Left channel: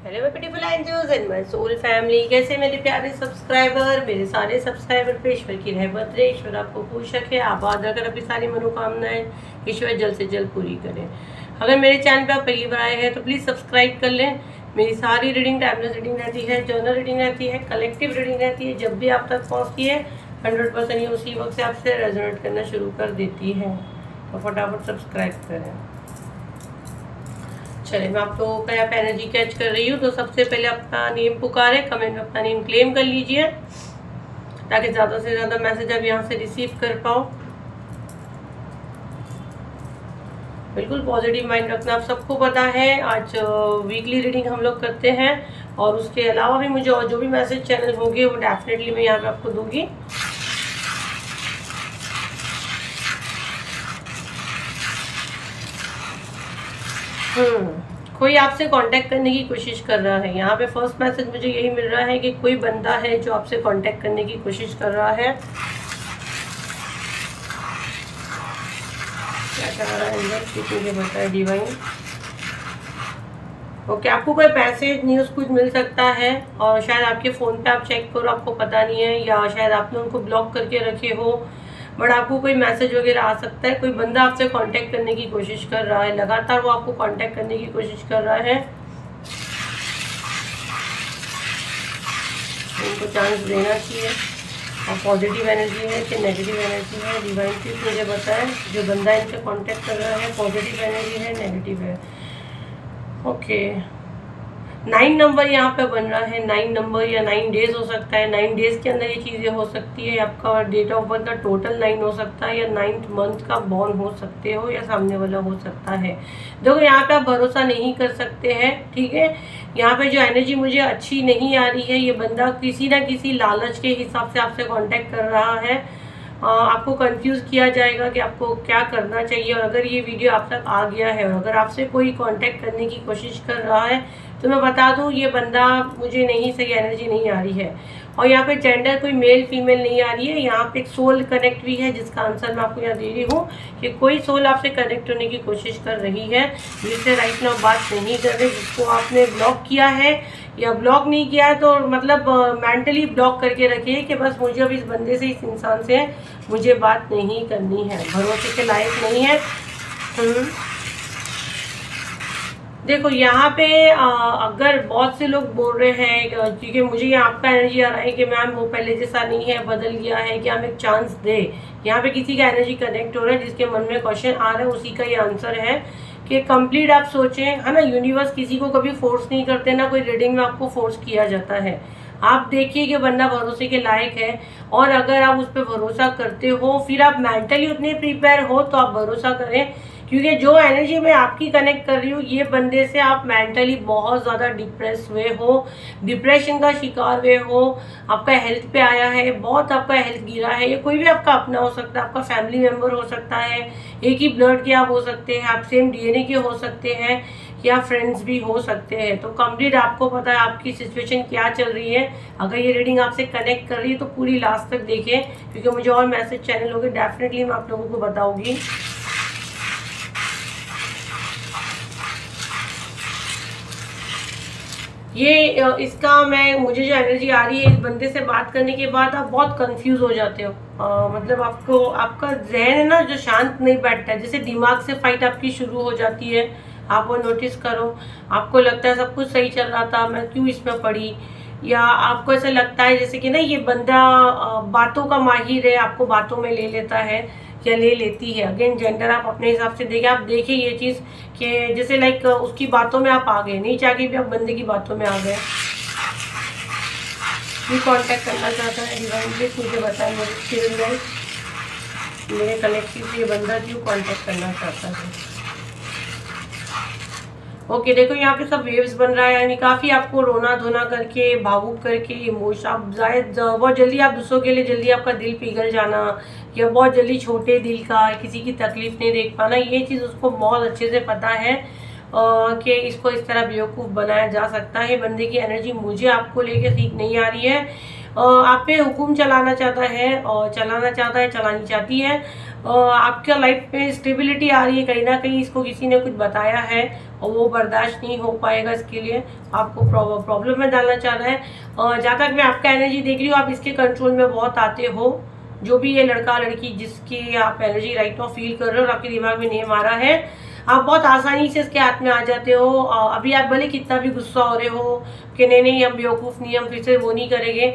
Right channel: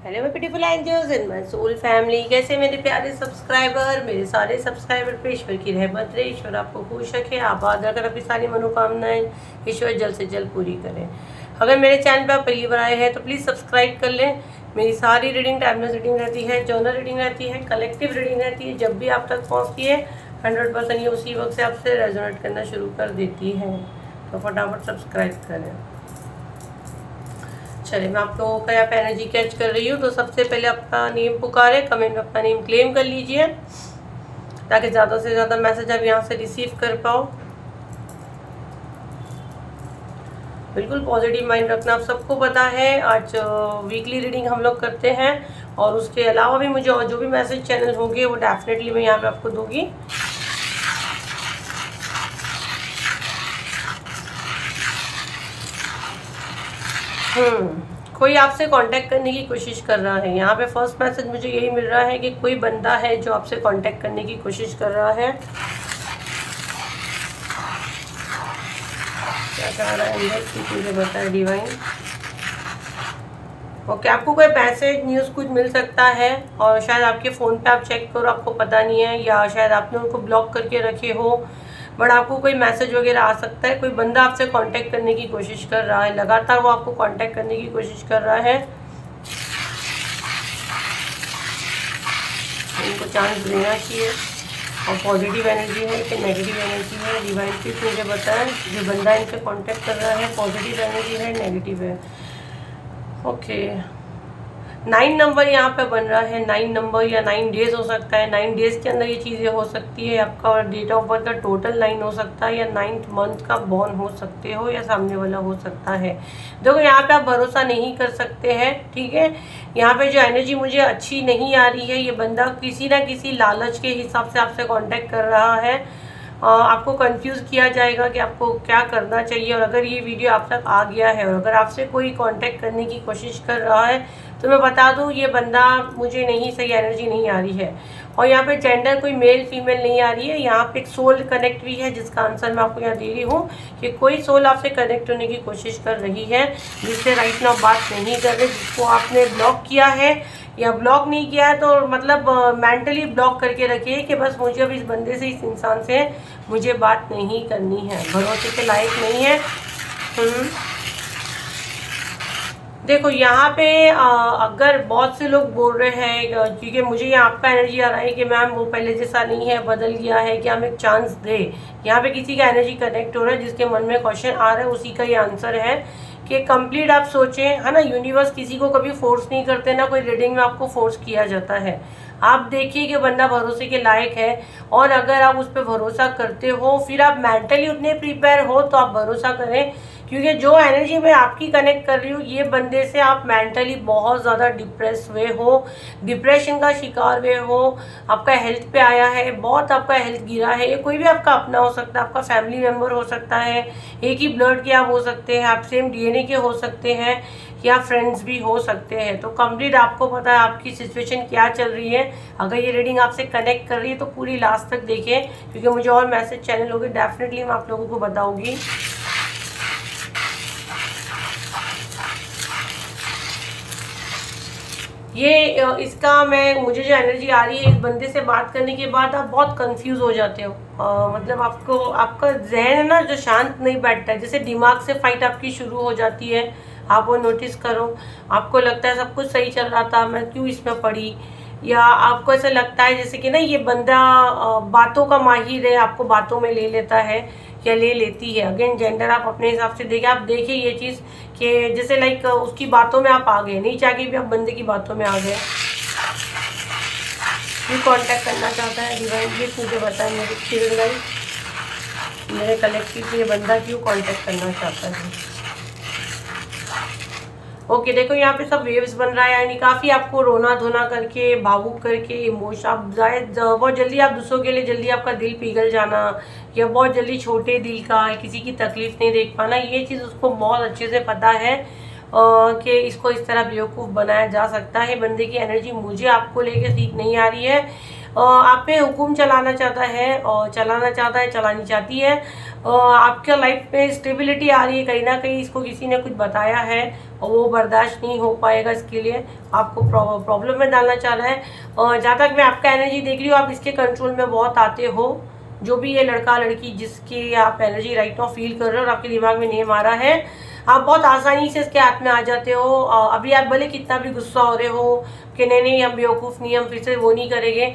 Hello beautiful angels and my soul family, कैसे मेरे प्यारे सब्सक्राइबर, मेरे सारे सब्सक्राइबर पे ईश्वर की रहमत रहे, ईश्वर आपको खुश रखे, आबाद रखे, अपनी सारी मनोकामनाएं ईश्वर जल्द से जल्द पूरी करें। अगर मेरे चैनल पर आप पहली बार आए हैं तो प्लीज़ सब्सक्राइब कर लें। मेरी सारी रीडिंग टाइमलेस रीडिंग रहती है, जर्नल रीडिंग रहती है, कलेक्टिव रीडिंग रहती है। जब भी आप तक पहुँचती है 100% ये उसी वक्त से आपसे रेजोनेट करना शुरू कर देती है, तो फटाफट सब्सक्राइब करें। चलिए, मैं आप लोगों का यहाँ पे एनर्जी कैच कर रही हूँ। तो सबसे पहले अपना नेम पुकारे, कमेंट में अपना नेम क्लेम कर लीजिए ताकि ज़्यादा से ज़्यादा मैसेज आप यहाँ से रिसीव कर पाओ। बिल्कुल पॉजिटिव माइंड रखना, आप सबको पता है। आज वीकली रीडिंग हम लोग करते हैं और उसके अलावा भी मुझे और जो भी मैसेज चैनल होगी वो डेफिनेटली मैं यहाँ पे आपको दूंगी। कोई आपसे कांटेक्ट करने की कोशिश कर रहा है। यहाँ पे फर्स्ट मैसेज मुझे यही मिल रहा है कि कोई बंदा है जो आपसे कांटेक्ट करने की कोशिश कर रहा है। क्या चाह रहा है मुझे बताए डिवाइन। ओके, आपको कोई मैसेज न्यूज़ कुछ मिल सकता है और शायद आपके फ़ोन पे आप चेक करो, आपको पता नहीं है, या शायद आपने उनको ब्लॉक करके रखे हो, बट आपको कोई मैसेज वगैरह आ सकता है। कोई बंदा आपसे कांटेक्ट करने की कोशिश कर रहा है, लगातार वो आपको कांटेक्ट करने की कोशिश कर रहा है। उनको चांस देना चाहिए। और पॉजिटिव एनर्जी है कि नेगेटिव एनर्जी है, डिवाइन प्लीज मुझे बताएं। जो बंदा इनसे कांटेक्ट कर रहा है पॉजिटिव एनर्जी है, नेगेटिव है। ओके, 9 नंबर यहाँ पे बन रहा है। 9 नंबर या 9 डेज हो सकता है। 9 डेज के अंदर ये चीज़ें हो सकती है। आपका डेट ऑफ बर्थ का टोटल 9 हो सकता है, या 9th मंथ का बॉर्न हो सकते हो, या सामने वाला हो सकता है। देखो, यहाँ पे आप भरोसा नहीं कर सकते हैं, ठीक है। यहाँ पे जो एनर्जी मुझे अच्छी नहीं आ रही है, ये बंदा किसी ना किसी लालच के हिसाब से आपसे कॉन्टेक्ट कर रहा है। आपको कंफ्यूज किया जाएगा कि आपको क्या करना चाहिए। और अगर ये वीडियो आप तक आ गया है और अगर आपसे कोई कांटेक्ट करने की कोशिश कर रहा है तो मैं बता दूं, ये बंदा मुझे नहीं, सही एनर्जी नहीं आ रही है। और यहाँ पे जेंडर कोई मेल फीमेल नहीं आ रही है। यहाँ पे एक सोल कनेक्ट भी है, जिसका आंसर मैं आपको यहाँ दे रही हूँ कि कोई सोल आपसे कनेक्ट होने की कोशिश कर रही है, जिससे राइट नाउ बात नहीं कर रही, जिसको आपने ब्लॉक किया है या ब्लॉक नहीं किया है तो मतलब मेंटली ब्लॉक करके रखिए कि बस मुझे अब इस बंदे से, इस इंसान से मुझे बात नहीं करनी है, भरोसे के लायक नहीं है। देखो, यहाँ पे अगर बहुत से लोग बोल रहे हैं, क्योंकि मुझे यहाँ आपका एनर्जी आ रहा है कि मैम वो पहले जैसा नहीं है, बदल गया है, कि हम एक चांस दे। यहाँ पे किसी का एनर्जी कनेक्ट हो रहा है, जिसके मन में क्वेश्चन आ रहा है, उसी का ये आंसर है कि कंप्लीट आप सोचें, है ना। यूनिवर्स किसी को कभी फोर्स नहीं करते, ना कोई रीडिंग में आपको फोर्स किया जाता है। आप देखिए कि बंदा भरोसे के लायक है, और अगर आप उस पर भरोसा करते हो, फिर आप मेंटली उतने प्रिपेयर हो तो आप भरोसा करें। क्योंकि जो एनर्जी मैं आपकी कनेक्ट कर रही हूँ, ये बंदे से आप मेंटली बहुत ज़्यादा डिप्रेस हुए हो, डिप्रेशन का शिकार हुए हो, आपका हेल्थ पे आया है, बहुत आपका हेल्थ गिरा है। ये कोई भी आपका अपना हो सकता है, आपका फैमिली मेम्बर हो सकता है, एक ही ब्लड के आप हो सकते हैं, आप सेम डीएनए के हो सकते हैं, या फ्रेंड्स भी हो सकते हैं। तो कंप्लीट आपको पता है आपकी सिचुएशन क्या चल रही है। अगर ये रीडिंग आपसे कनेक्ट कर रही है तो पूरी लास्ट तक देखिए, क्योंकि मुझे और मैसेज चैनल होगी, डेफिनेटली मैं आप लोगों को बताऊंगी। ये इसका मुझे जो एनर्जी आ रही है, इस बंदे से बात करने के बाद आप बहुत कंफ्यूज हो जाते हो। मतलब आपको, आपका जहन ना जो शांत नहीं बैठता है, जैसे दिमाग से फाइट आपकी शुरू हो जाती है। आप वो नोटिस करो। आपको लगता है सब कुछ सही चल रहा था, मैं क्यों इसमें पड़ी। या आपको ऐसा लगता है जैसे कि ना ये बंदा बातों का माहिर है, आपको बातों में ले लेता है या ले लेती है। अगेन जेंडर आप अपने हिसाब से देखिए। आप देखिए ये चीज़ कि जैसे लाइक उसकी बातों में आप आ गए, नहीं चाह के भी आप बंदे की बातों में आ गए। क्यों कांटेक्ट करना चाहता है डिवाइन प्लीज मुझे बताएं। मेरे स्पिरिट गाइड, मेरे कलेक्टिव से ये बंदा क्यों कांटेक्ट करना चाहता है। ओके, देखो यहाँ पे सब वेव्स बन रहा है, यानी काफ़ी आपको रोना धोना करके, भावुक करके, इमोशन, आप शायद बहुत जल्दी, आप दूसरों के लिए जल्दी आपका दिल पिघल जाना, या बहुत जल्दी छोटे दिल का, किसी की तकलीफ नहीं देख पाना, ये चीज़ उसको बहुत अच्छे से पता है कि इसको इस तरह बेवकूफ़ बनाया जा सकता है। बंदे की एनर्जी मुझे आपको लेके ठीक नहीं आ रही है। आप पे हुक्म चलाना चाहता है, और चलाना चाहता है, चलानी चाहती है। आपका लाइफ में स्टेबिलिटी आ रही है, कहीं ना कहीं इसको किसी ने कुछ बताया है, और वो बर्दाश्त नहीं हो पाएगा, इसके लिए आपको प्रॉब्लम में डालना चाह रहा है। और जहाँ तक मैं आपका एनर्जी देख रही हूँ, आप इसके कंट्रोल में बहुत आते हो। जो भी ये लड़का लड़की जिसकी आप एनर्जी राइट नाउ फील कर रहे हो और आपके दिमाग में नेम आ रहा है, आप बहुत आसानी से इसके हाथ में आ जाते हो। अभी आप भले कितना भी गुस्सा हो रहे हो कि नहीं नहीं हम बेवकूफ़ नहीं, हम फिर से वो नहीं करेंगे,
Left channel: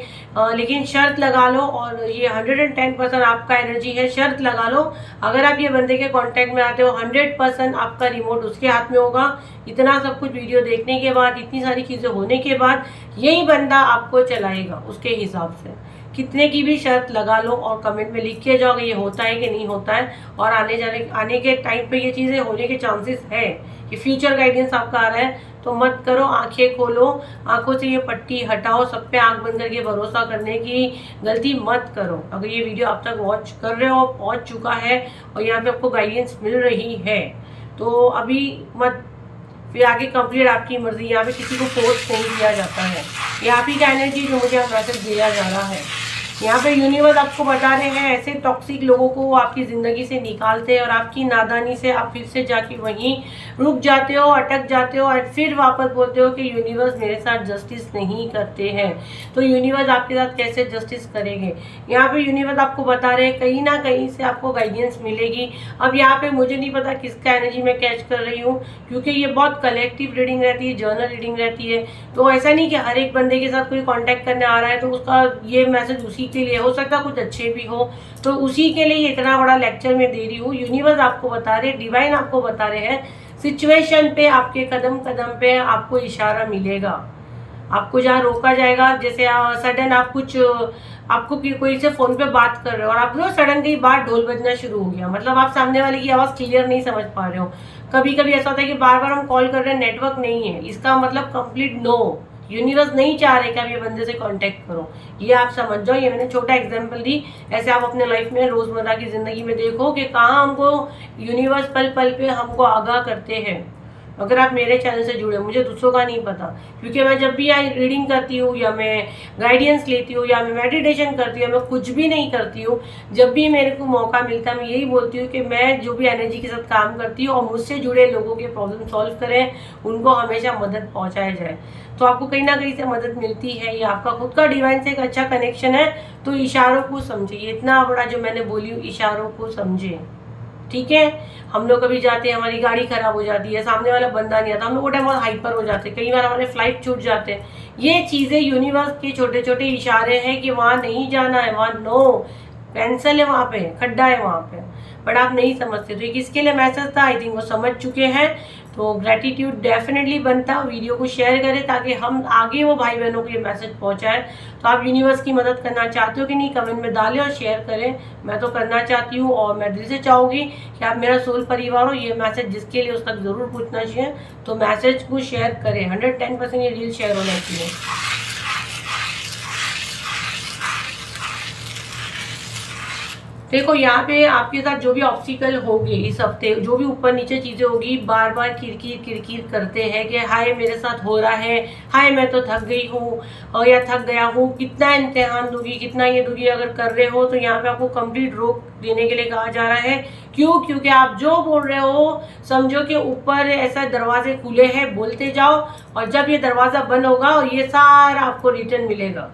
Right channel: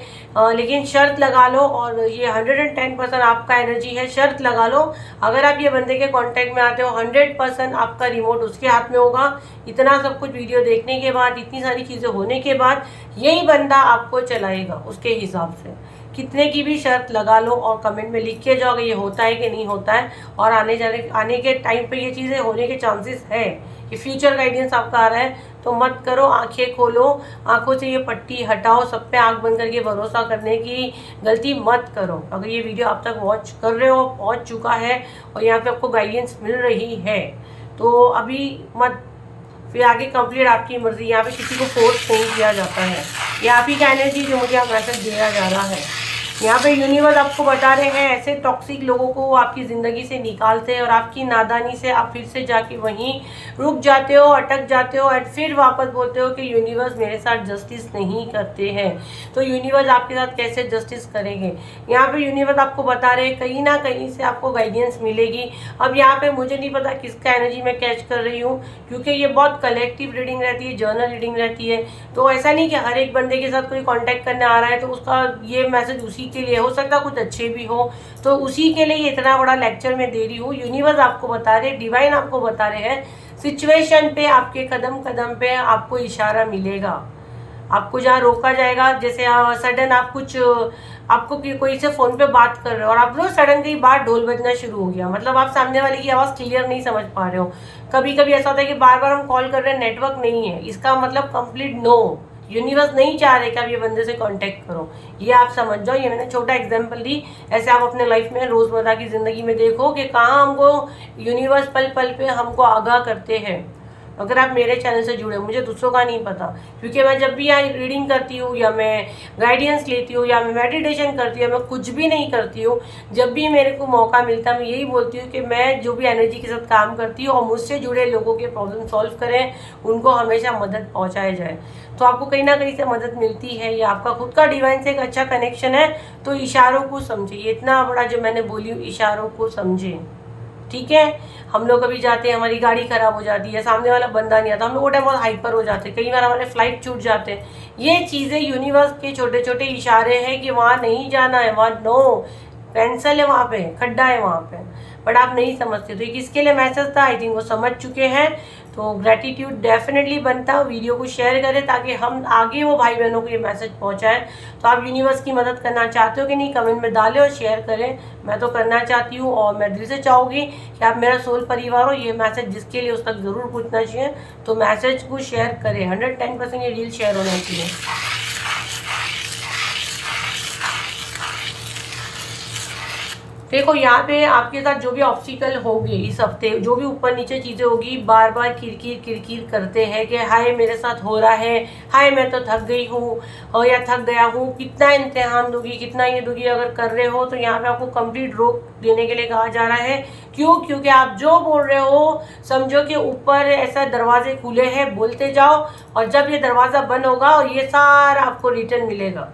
लेकिन शर्त लगा लो, और ये 110% आपका एनर्जी है। शर्त लगा लो, अगर आप ये बंदे के कांटेक्ट में आते हो 100% आपका रिमोट उसके हाथ में होगा। इतना सब कुछ वीडियो देखने के बाद, इतनी सारी चीज़ें होने के बाद, यही बंदा आपको चलाएगा उसके हिसाब से। कितने की भी शर्त लगा लो और कमेंट में लिख के जाओ ये होता है कि नहीं होता है। और आने के टाइम पे ये चीज़ें होने के चांसेस है कि फ्यूचर गाइडेंस आपका आ रहा है, तो मत करो। आंखें खोलो, आंखों से ये पट्टी हटाओ, सब पे आंख बंद करके भरोसा करने की गलती मत करो। अगर ये वीडियो आप तक वॉच कर रहे हो, पहुंच चुका है और यहाँ पे आपको गाइडेंस मिल रही है, तो अभी मत, फिर आगे कंप्लीट आपकी मर्जी। यहाँ पे किसी को फोर्स नहीं किया जाता है। ये आप ही का एनर्जी जो मुझे मैसेज दिया जा रहा है। यहाँ पे यूनिवर्स आपको बता रहे हैं ऐसे टॉक्सिक लोगों को आपकी ज़िंदगी से निकालते हैं, और आपकी नादानी से आप फिर से जाके वहीं रुक जाते हो, अटक जाते हो, और फिर वापस बोलते हो कि यूनिवर्स मेरे साथ जस्टिस नहीं करते हैं। तो यूनिवर्स आपके साथ कैसे जस्टिस करेंगे? यहाँ पे यूनिवर्स आपको बता रहे हैं कहीं ना कहीं से आपको गाइडेंस मिलेगी। अब यहाँ पे मुझे नहीं पता किसका एनर्जी मैं कैच कर रही हूँ, क्योंकि ये बहुत कलेक्टिव रीडिंग रहती है, जर्नल रीडिंग रहती है। तो ऐसा नहीं कि हर एक बंदे के साथ कोई कॉन्टैक्ट करने आ रहा है तो उसका ये मैसेज उसी के लिए हो सकता है, कुछ अच्छे भी हो, तो उसी के लिए ये इतना बड़ा लेक्चर मैं दे रही हूँ। यूनिवर्स आपको बता रहे, डिवाइन आपको बता रहे हैं, सिचुएशन पे आपके कदम कदम पे आपको इशारा मिलेगा। आपको जहाँ रोका जाएगा, जैसे सडन आप कुछ, आपको कोई से फोन पे बात कर रहे हो और आप लोग सडन की बात ढोल बजना शुरू हो गया, मतलब आप सामने वाले की आवाज़ क्लियर नहीं समझ पा रहे हो। कभी कभी ऐसा होता है कि बार बार हम कॉल कर रहे हैं, नेटवर्क नहीं है, इसका मतलब कंप्लीट नो, यूनिवर्स नहीं चाह रहे कि आप ये बंदे से कांटेक्ट करो। ये आप समझ जाओ। ये मैंने छोटा एग्जांपल दी, ऐसे आप अपने लाइफ में रोजमर्रा की जिंदगी में देखो कि कहाँ हमको यूनिवर्स पल पल पे हमको आगाह करते हैं। अगर आप मेरे चैनल से जुड़े हो, मुझे दूसरों का नहीं पता, क्योंकि मैं जब भी यहाँ रीडिंग करती हूँ या मैं गाइडेंस लेती हूँ या मैं मेडिटेशन करती हूँ, मैं कुछ भी नहीं करती हूँ, जब भी मेरे को मौका मिलता है मैं यही बोलती हूँ कि मैं जो भी एनर्जी के साथ काम करती हूँ और मुझसे जुड़े लोगों के प्रॉब्लम सॉल्व करें, उनको हमेशा मदद पहुँचाया जाए। तो आपको कहीं ना कहीं से मदद मिलती है, ये आपका खुद का डिवाइन से एक अच्छा कनेक्शन है। तो इशारों को समझिए, इतना बड़ा जो मैंने बोली हूँ, इशारों को समझे, ठीक है। हम लोग कभी जाते हैं, हमारी गाड़ी खराब हो जाती है, सामने वाला बंदा नहीं आता, हम लोग वो टाइम बहुत हाइपर हो जाते हैं, कई बार हमारे फ्लाइट छूट जाते हैं। ये चीज़ें यूनिवर्स के छोटे छोटे इशारे हैं कि वहाँ नहीं जाना है, वहाँ नो, कैंसल है, वहाँ पे खड्डा है वहाँ पे, बट आप नहीं समझते। तो ये किसके लिए मैसेज था, आई थिंक वो समझ चुके हैं। तो ग्रेटिट्यूड डेफिनेटली बनता है, वीडियो को शेयर करें ताकि हम आगे वो भाई बहनों को ये मैसेज पहुंचाएं। तो आप यूनिवर्स की मदद करना चाहते हो कि नहीं, कमेंट में डालें और शेयर करें। मैं तो करना चाहती हूँ और मैं दिल से चाहूँगी कि आप मेरा सोल परिवार हो। ये मैसेज जिसके लिए उस तक ज़रूर पूछना चाहिए, तो मैसेज को शेयर करें। 110% ये रील शेयर होना चाहिए। देखो यहाँ पे आपके साथ जो भी ऑब्स्टिकल होंगे इस हफ्ते, जो भी ऊपर नीचे चीज़ें होगी, बार बार किरकिर करते हैं कि हाय मेरे साथ हो रहा है, हाय मैं तो थक गई हूँ और या थक गया हूँ, कितना इम्तिहान दूंगी, कितना ये दूंगी। अगर कर रहे हो तो यहाँ पे आपको कंप्लीट रोक देने के लिए कहा जा रहा है। क्यों? क्योंकि आप जो बोल रहे हो समझो कि ऊपर ऐसा दरवाजे खुले हैं, बोलते जाओ, और जब ये दरवाज़ा बंद होगा और ये सारा आपको रिटर्न मिलेगा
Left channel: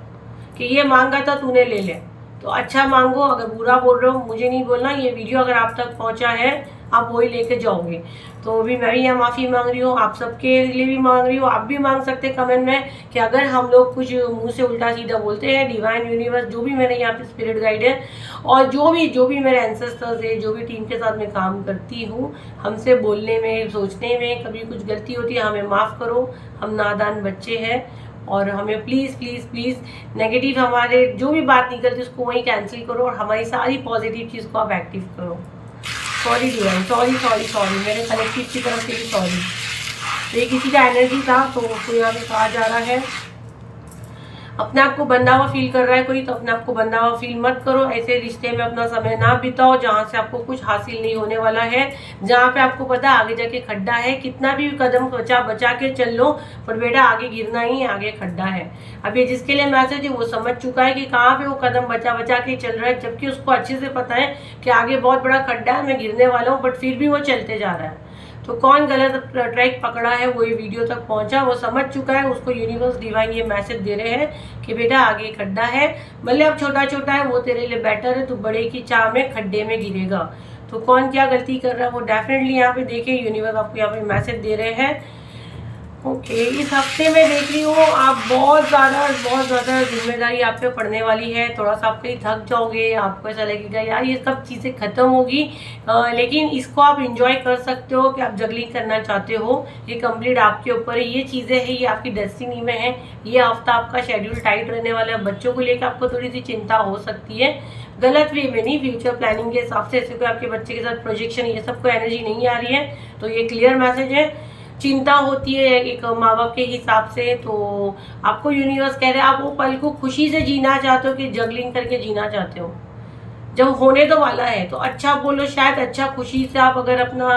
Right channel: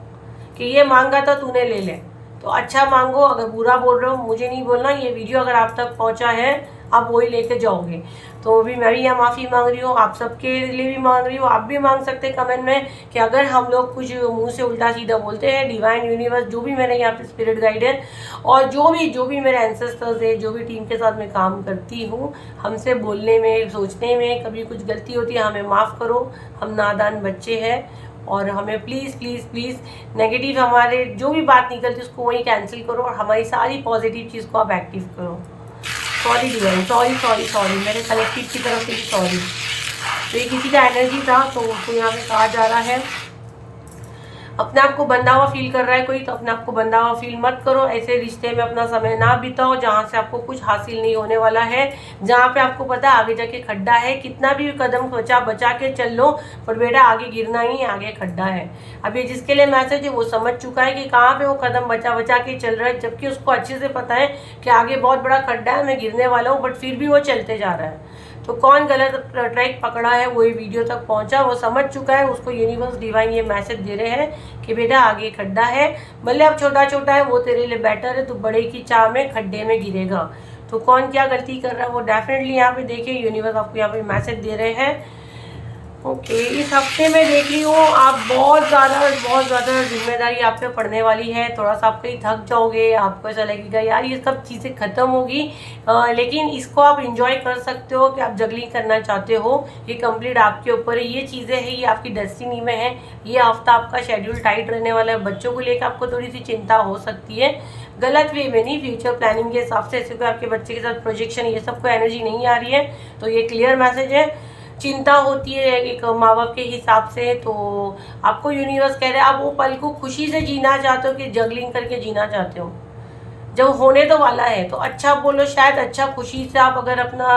कि ये मांगा था तूने, ले ले। तो अच्छा मांगो, अगर बुरा बोल रहे हो मुझे नहीं बोलना। ये वीडियो अगर आप तक पहुंचा है आप वही लेके जाओगे। तो अभी मैं भी यहाँ माफ़ी मांग रही हूँ, आप सबके लिए भी मांग रही हूँ। आप भी मांग सकते हैं कमेंट में कि अगर हम लोग कुछ मुंह से उल्टा सीधा बोलते हैं, डिवाइन यूनिवर्स जो भी मेरे यहाँ पे स्पिरिट गाइड है और जो भी मेरे एंसेस्टर्स है, जो भी टीम के साथ मैं काम करती हूँ, हमसे बोलने में, सोचने में कभी कुछ गलती होती है, हमें माफ़ करो। हम नादान बच्चे हैं और हमें प्लीज़ प्लीज़ प्लीज़ नेगेटिव हमारे जो भी बात निकलती है उसको वहीं कैंसिल करो और हमारी सारी पॉजिटिव चीज़ को आप एक्टिव करो। Sorry divine, sorry sorry sorry, मेरे कलेक्टिव की तरफ से भी सॉरी। तो ये किसी का एनर्जी था तो उसको यहाँ पे कहा जा रहा है। अपने आप को बंधा हुआ फील कर रहा है कोई, तो अपने आप को बंधा हुआ फील मत करो। ऐसे रिश्ते में अपना समय ना बिताओ जहाँ से आपको कुछ हासिल नहीं होने वाला है, जहाँ पे आपको पता है आगे जाके खड्डा है। कितना भी कदम बचा के चल लो, पर बेटा आगे गिरना ही, आगे खड्डा है। अब ये जिसके लिए मैसेज है वो समझ चुका है कि कहाँ पे वो कदम बचा के चल रहा है, जबकि उसको अच्छे से पता है कि आगे बहुत बड़ा खड्डा है, मैं गिरने वाला हूँ, बट फिर भी वो चलते जा रहा है। तो कौन गलत ट्रैक पकड़ा है, वो ये वीडियो तक पहुंचा, वो समझ चुका है, उसको यूनिवर्स डिवाइन ये मैसेज दे रहे हैं कि बेटा आगे खड्डा है, भले अब छोटा छोटा है वो तेरे लिए बेटर है, तो बड़े की चाह में खड्डे में गिरेगा। तो कौन क्या गलती कर रहा है वो डेफिनेटली यहाँ पे देखिए, यूनिवर्स आपको यहाँ पे मैसेज दे रहे हैं। ओके इस हफ्ते में देख रही हूँ आप बहुत ज़्यादा जिम्मेदारी आप पे पड़ने वाली है, थोड़ा सा आप पे थक जाओगे, आपको ऐसा लगेगा यार ये सब चीज़ें ख़त्म होगी, लेकिन इसको आप इंजॉय कर सकते हो कि आप जगलिंग करना चाहते हो, ये कंप्लीट आपके ऊपर है, ये चीज़ें हैं ये आपकी डेस्टिनी में है। ये हफ्ता आपका शेड्यूल टाइट रहने वाला है, बच्चों को लेकर आपको थोड़ी सी चिंता हो सकती है, गलत वे में नहीं, फ्यूचर प्लानिंग के हिसाब से, ऐसे कोई आपके बच्चे के साथ प्रोजेक्शन ये सब कोई एनर्जी नहीं आ रही है, तो ये क्लियर मैसेज है। चिंता होती है एक माँ बाप के हिसाब से, तो आपको यूनिवर्स कह रहे हैं आप वो पल को खुशी से जीना चाहते हो कि जगलिंग करके जीना चाहते हो, जब होने तो वाला है तो अच्छा बोलो, शायद अच्छा खुशी से आप अगर अपना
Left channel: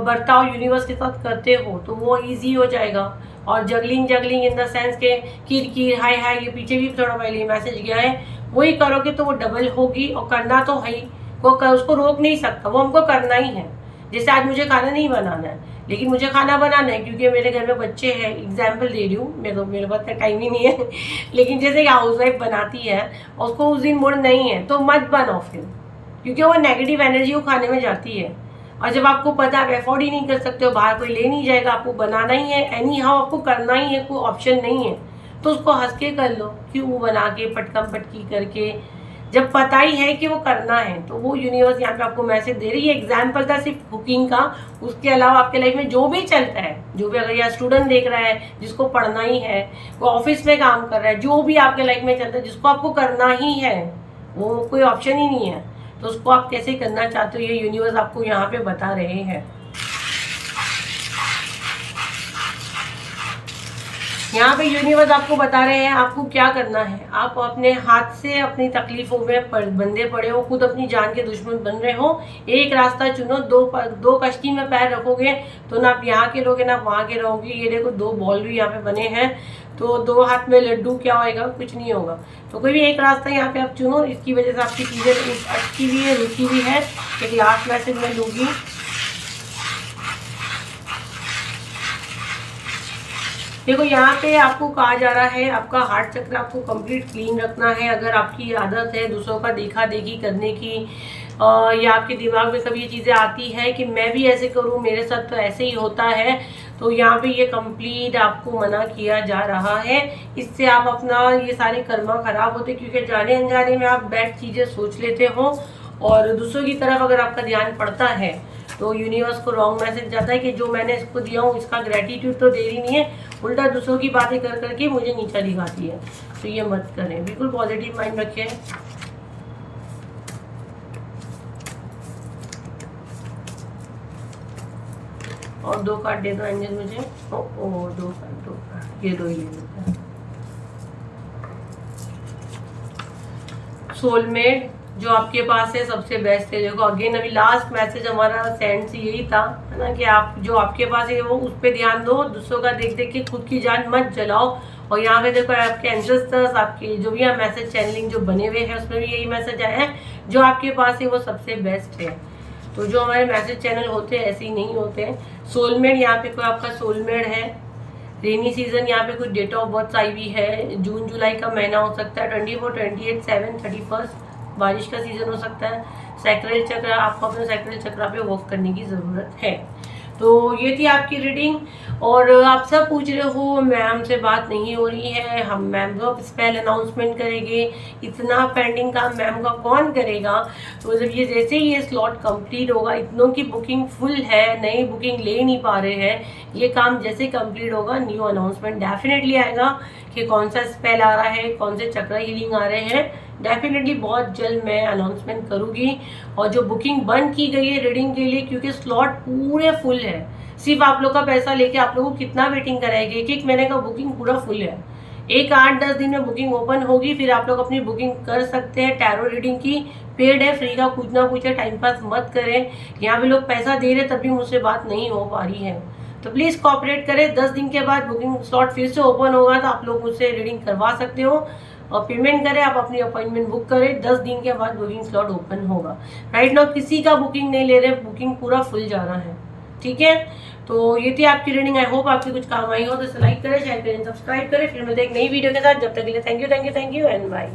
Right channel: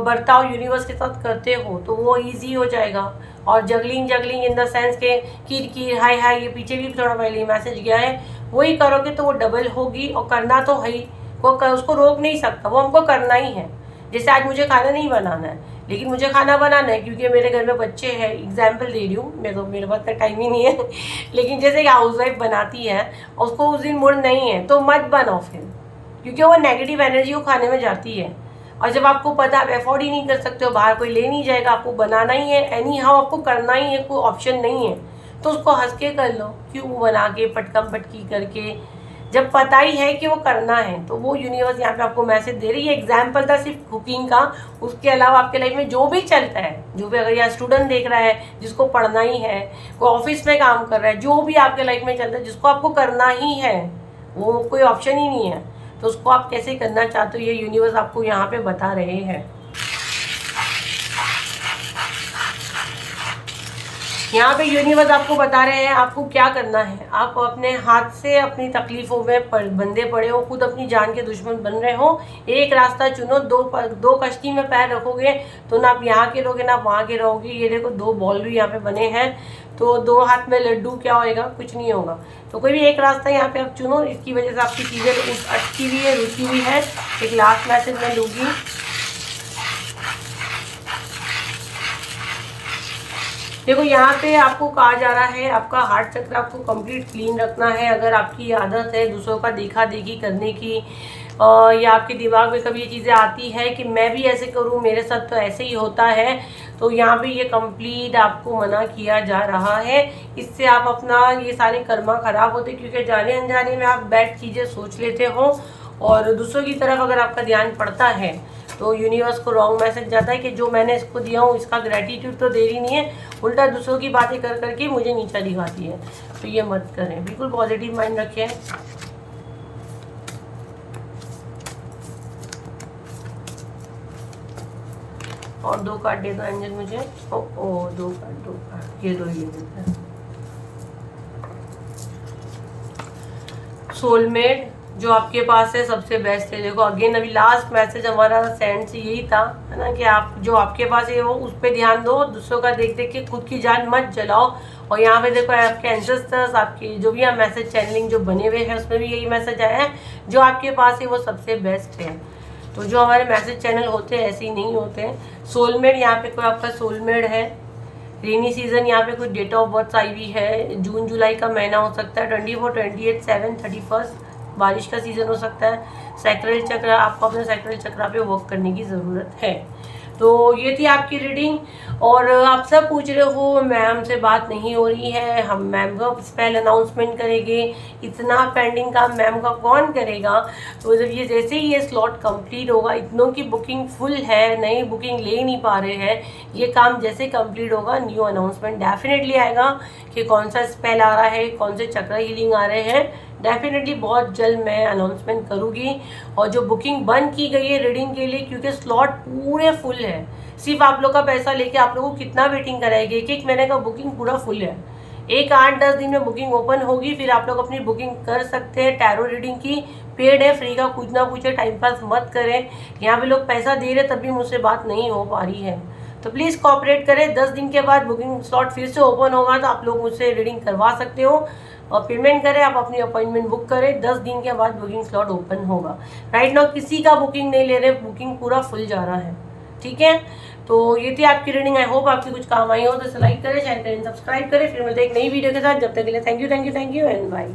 बर्ताव यूनिवर्स के साथ करते हो तो वो इजी हो जाएगा। और जगलिंग इन द सेंस के किर हाय हाय, ये पीछे भी थोड़ा पहले मैसेज गया है, वही करोगे तो वो डबल होगी, और करना तो है ही, उसको रोक नहीं सकता, वो हमको करना ही है। जैसे आज मुझे खाना नहीं बनाना है, लेकिन मुझे खाना बनाना है क्योंकि मेरे घर में बच्चे हैं, एग्जाम्पल दे रही हूँ, मेरे पास टाइम ही नहीं है लेकिन जैसे हाउस वाइफ बनाती है, उसको उस दिन मूड नहीं है तो मत बनाओ फिर, क्योंकि वो नेगेटिव एनर्जी वो खाने में जाती है। और जब आपको पता आप अफोर्ड ही नहीं कर सकते हो, बाहर कोई ले नहीं जाएगा, आपको बनाना ही है, एनी हाउ आपको करना ही है, कोई ऑप्शन नहीं है, तो उसको हंस के कर लो, क्यों बना के पटकम पटकी करके, जब पता ही है कि वो करना है। तो वो यूनिवर्स यहाँ पे आपको मैसेज दे रही है, एग्जाम्पल था सिर्फ कुकिंग का, उसके अलावा आपके लाइफ में जो भी चलता है, जो भी अगर यहाँ स्टूडेंट देख रहा है जिसको पढ़ना ही है, कोई ऑफिस में काम कर रहा है, जो भी आपके लाइफ में चलता है जिसको आपको करना ही है, वो कोई ऑप्शन ही नहीं है, तो उसको आप कैसे करना चाहते हो ये यूनिवर्स आपको यहाँ पे बता रहे हैं। यहाँ पे यूनिवर्स आपको बता रहे हैं आपको क्या करना है, आप अपने हाथ से अपनी तकलीफों में बंधे पड़े हो, खुद अपनी जान के दुश्मन बन रहे हो, एक रास्ता चुनो, दो कश्ती में पैर रखोगे तो ना आप यहाँ के रहोगे ना आप वहाँ के रहोगे। ये देखो दो बॉल भी यहाँ पे बने हैं, तो दो हाथ में लड्डू क्या होएगा, कुछ नहीं होगा। तो कोई भी एक रास्ता यहाँ पे आप चुनो, इसकी वजह से आपकी चीज़ें अटकी हुई है, रुकी हुई है। एक लास्ट मैसेज मैं लूँगी, देखो यहाँ पे आपको कहा जा रहा है आपका हार्ट चक्र आपको कंप्लीट क्लीन रखना है। अगर आपकी आदत है दूसरों का देखा देखी करने की, या आपके दिमाग में कभी ये चीज़ें आती है कि मैं भी ऐसे करूँ, मेरे साथ तो ऐसे ही होता है, तो यहाँ पे ये कंप्लीट आपको मना किया जा रहा है। इससे आप अपना ये सारे कर्मा खराब होते, क्योंकि जाने अनजाने में आप बैड चीज़ें सोच लेते हो और दूसरों की तरफ अगर आपका ध्यान पड़ता है तो यूनिवर्स को रॉन्ग मैसेज जाता है कि जो मैंने इसको दिया हूँ इसका ग्रेटिट्यूड तो दे रही नहीं है, उल्टा दूसरों की बातें कर करके मुझे नीचा दिखाती है। तो ये मत करें, बिल्कुल पॉजिटिव माइंड रखें। और दो कार्ड दे दो एंजल मुझे, दो कार्ड ये दो, ये सोलमेट जो आपके पास है सबसे बेस्ट है। देखो अगेन अभी लास्ट मैसेज हमारा सेंड से यही था, है ना, कि आप जो आपके पास है वो उस पर ध्यान दो, दूसरों का देख देख के खुद की जान मत जलाओ। और यहाँ पे देखो आपके एंसेस्टर्स, आपकी जो भी आप मैसेज चैनलिंग जो बने हुए हैं उसमें भी यही मैसेज आया है, जो आपके पास है वो सबसे बेस्ट है। तो जो हमारे मैसेज चैनल होते हैं ऐसे ही नहीं होते। सोलमेट यहाँ पे कोई आपका सोलमेट है। रेनी सीजन यहाँ पे कोई डेट ऑफ बर्थ आई हुई है, जून जुलाई का महीना हो सकता है, 24, 28, 7, 31, बारिश का सीजन हो सकता है। सैक्रल चक्र, आपको अपने सैक्रल चक्र पे वर्क करने की ज़रूरत है। तो ये थी आपकी रीडिंग। और आप सब पूछ रहे हो मैम से बात नहीं हो रही है, हम मैम का स्पेल अनाउंसमेंट करेंगे, इतना पेंडिंग काम मैम का कौन करेगा। तो जब ये जैसे ही ये स्लॉट कंप्लीट होगा, इतनों की बुकिंग फुल है, नई बुकिंग ले नहीं पा रहे हैं, ये काम जैसे कंप्लीट होगा न्यू अनाउंसमेंट डेफिनेटली आएगा कि कौन सा स्पेल आ रहा है, कौन से चक्र हीलिंग आ रहे हैं। डेफिनेटली बहुत जल्द मैं अनाउंसमेंट करूँगी। और जो बुकिंग बंद की गई है रीडिंग के लिए, क्योंकि स्लॉट पूरे फुल है, सिर्फ आप लोग का पैसा लेके आप लोगों को कितना वेटिंग कराएगी, एक महीने का बुकिंग पूरा फुल है। एक 8-10 दिन में बुकिंग ओपन होगी, फिर आप लोग अपनी बुकिंग कर सकते हैं। टैरो रीडिंग की पेड है, फ्री का कुछ ना कुछ है, टाइम पास मत करें। यहाँ पे लोग पैसा दे रहे तब भी मुझसे बात नहीं हो पा रही है, तो प्लीज़ कोऑपरेट करें। 10 दिन के बाद बुकिंग स्लॉट फिर से ओपन होगा, तो आप लोग मुझसे रीडिंग करवा सकते हो और पेमेंट करें, आप अपनी अपॉइंटमेंट बुक करें। 10 दिन के बाद बुकिंग स्लॉट ओपन होगा। राइट नाउ किसी का बुकिंग नहीं ले रहे, बुकिंग पूरा फुल जा रहा है। ठीक है, तो ये थी आपकी रीडिंग। आई होप आपकी कुछ काम आई हो, तो लाइक करें, शेयर करें, सब्सक्राइब करें। फिर मिलते हैं एक नई वीडियो के साथ। जब तक के लिए थैंक यू एंड बाय।